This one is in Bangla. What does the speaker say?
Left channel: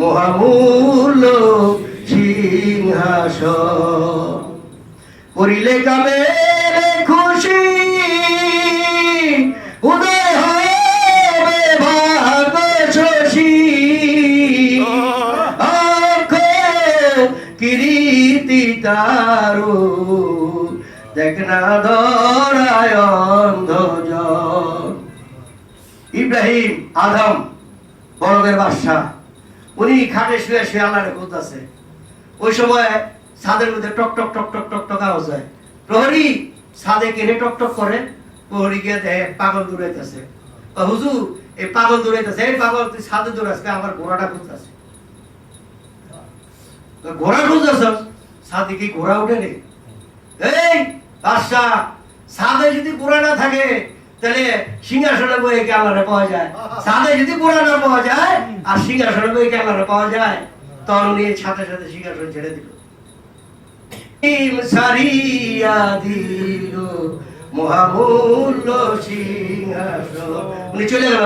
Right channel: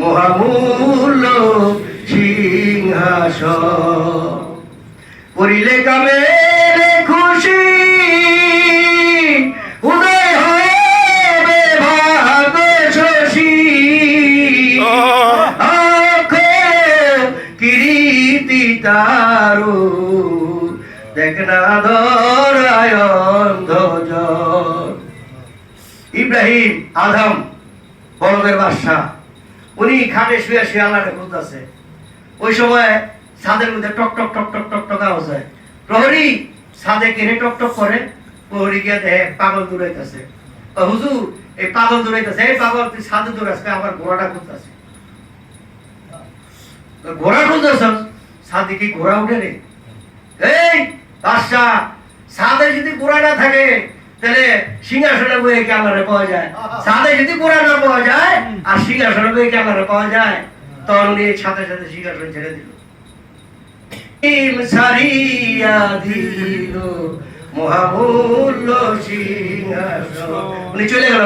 মহামূল্য সিংহাসন। করিলে কামে খুশি উদয় হবে ভাগ শশী, কিরীতি তারু দেখ না ধরায় অন্ধজন। ইব্রাহিম আদম বড়দের বাদশা, উনি খাটে শুয়ে শুয়ে আল্লাহরে খুঁজতেছে। ওই সময় ছাদের মধ্যে টক টক টক টক টক টক আওয়াজ হয়। প্রহরী ছাদে কেনে টক টক করে, প্রহরী গিয়ে দেখে পাগল দৌড়াইতেছে। হুজুর এই পাগল দৌড়াইতেছে, এই পাগল তুই ছাদে দৌড়াচ্ছে, আমার ঘোড়াটা খুঁজতেছে। ঘোড়া খুঁজতেছ? ছাদে কি ঘোড়া উঠে রে? এই বাদশা, ছাদে যদি ঘোড়া না থাকে তাহলে সিংহাসনে বইয়ে কি আল্লাহরে পাওয়া যায়? ছাদে যদি ঘোড়া না পাওয়া যায় আর সিংহাসনে বইয়ে কি আল্লাহরে পাওয়া যায়? তখন নিয়ে সাথে সাথে সিংহাসন ছেড়ে দিল। সারিয়া দিল মহামূল্য সিংহাসন, উনি চলে গেল।